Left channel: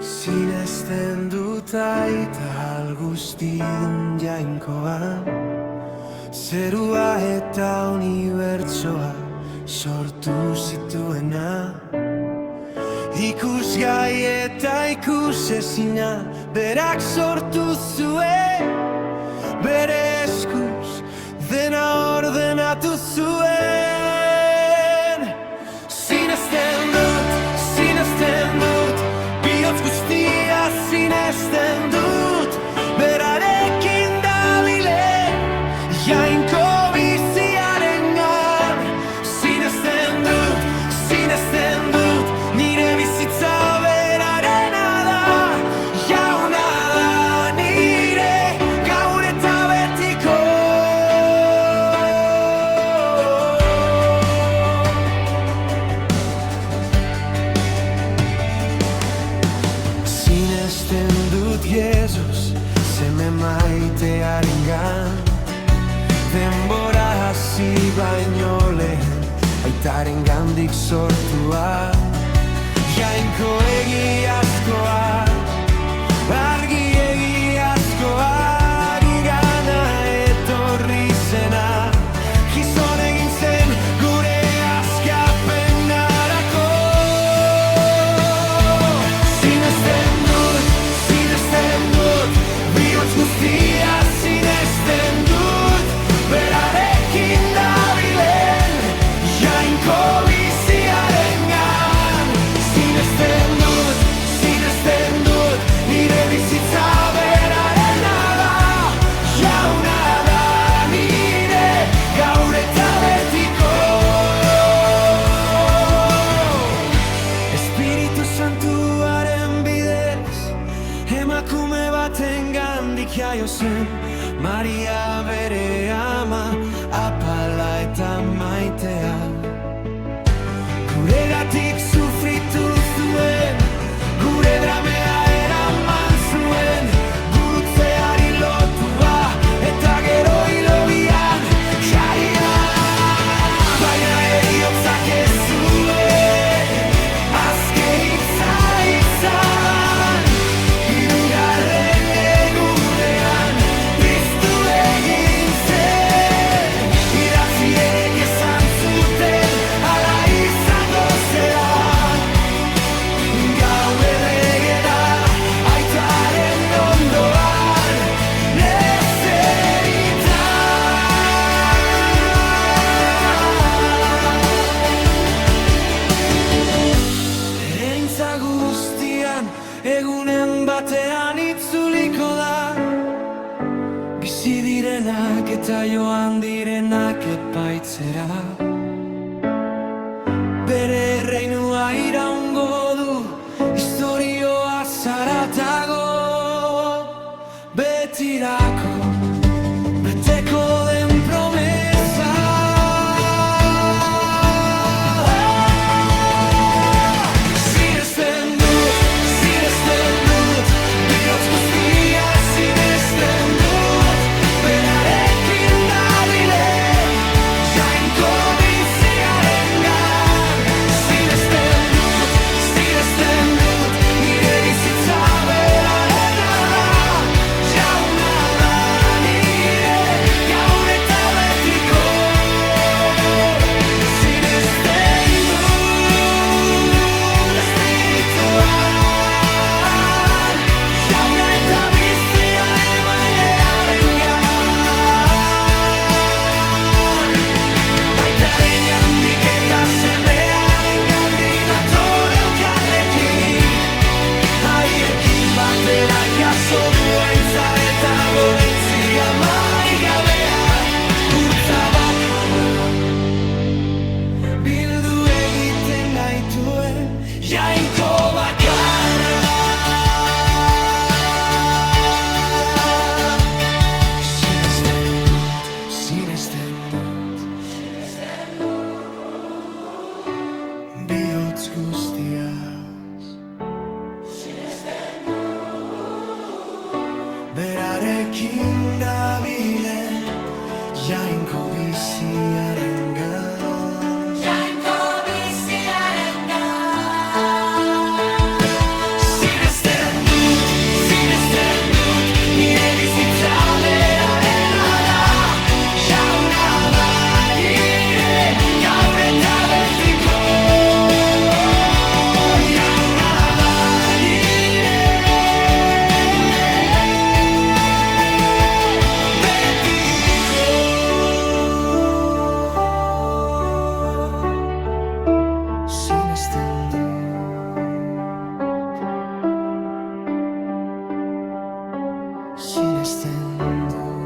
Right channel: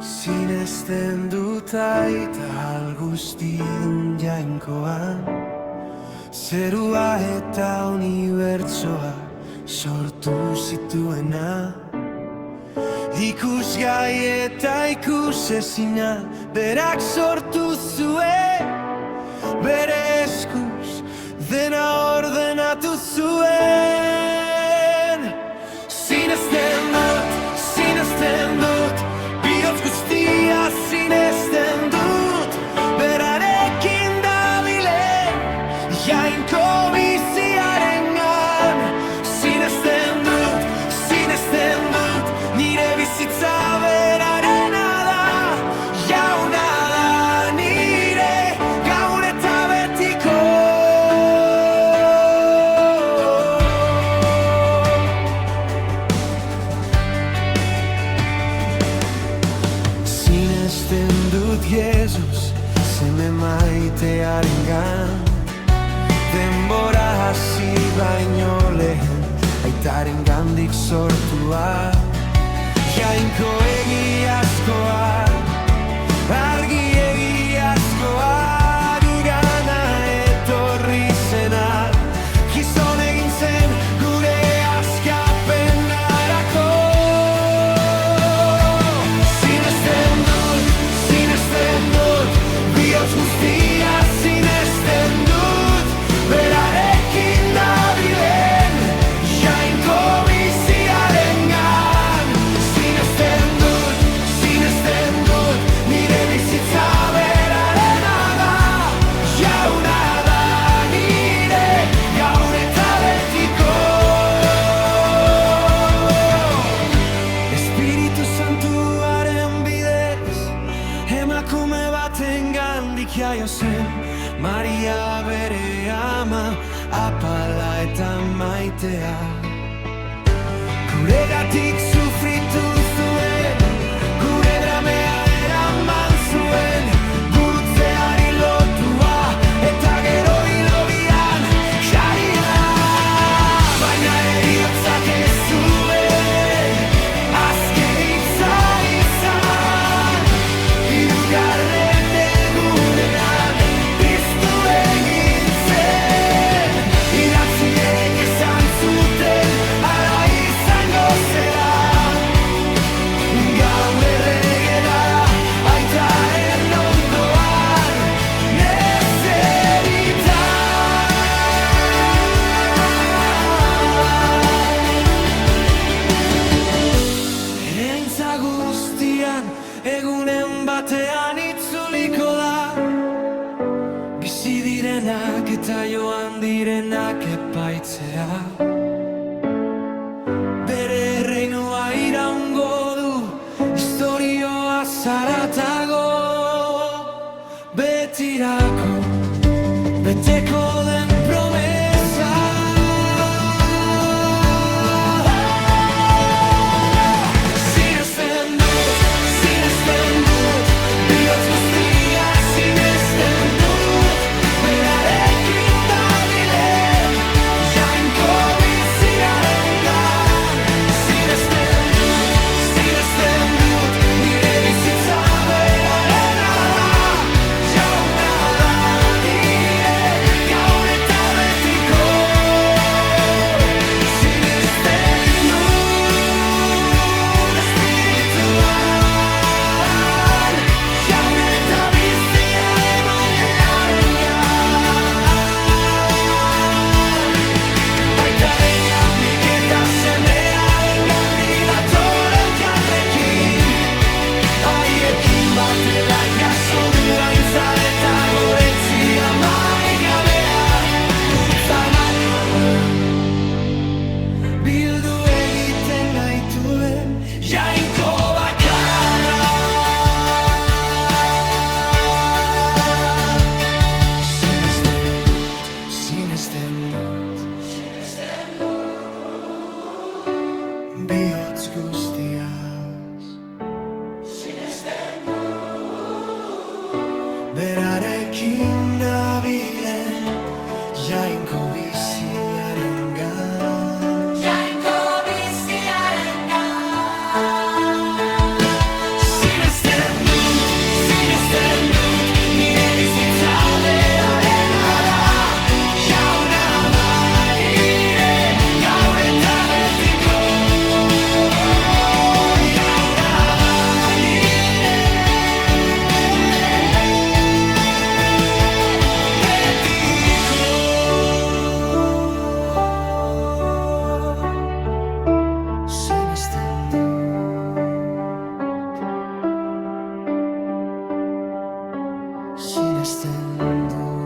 Sinesten dut aita algustidun jainkoan, zerua eta unibertsoa sortu zituena. Ikusgai eta ikusezina berak sortu zuen, bere eskuz dena ordenatu zuen. Sinesten dut, bihotz guztia sinesten dut, berarekin dabilen jainko biziarengan. Sinesten dut, nire bizitza berarena da, jauna da nire gaur eta betiko. Sinesten dut Jesus, seme maitearengan, denbora hasi baino lehen aitaren gandik sortua. Jainko egiazkoa, argi egiazkoa, gugana etorri zena, gizon egin zen gure askapenarako. Sinesten dut, bihotz guztia sinesten dut, berarekin dabilen jainko biziarengan. Sinesten dut, nire bizitza berarena da, jauna da nire gaur eta betiko. Espiritu Santuaren bidez, emakume baten gandik jaio zen, Maria bere ama, apala eta maitea. Guregatik sufritu zuen, gure dramea eraman zuen, gurutzeari lotua eta gero hilobian jaria. Baina heriotzak ez zuen azken hitza izan, hirugarren egunean piztu egin zen. Idatziek esan zuten hala izango zela, gaur errege da aitaren ondoan nezerita. Ere aintza guztian egunen batean itzuliko da, bizi direnak eta joan direnak epaitzera. Bere erreinua iraungo du, historioa zaratago, betirako beteko den promesa. Sinesten dut, bihotz guztia sinesten dut, berarekin dabilen jainko biziarengan. Sinesten dut, nire bizitza berarena da, jauna da nire gaur eta betiko. Sinesten dut, espirituan, jauna eta bizia emailearengan. Aitaren gandik eta semearen gandik dator elkarrekin, haiekin batera jaso du aintza eta goretzia maigabea, gurtza bakarra bildu egiten gaituen jainko bakarra. Sinesten dut, bihotz guztiaz berarekin dabilen jainko biziarengan. Sinesten sinesten dut.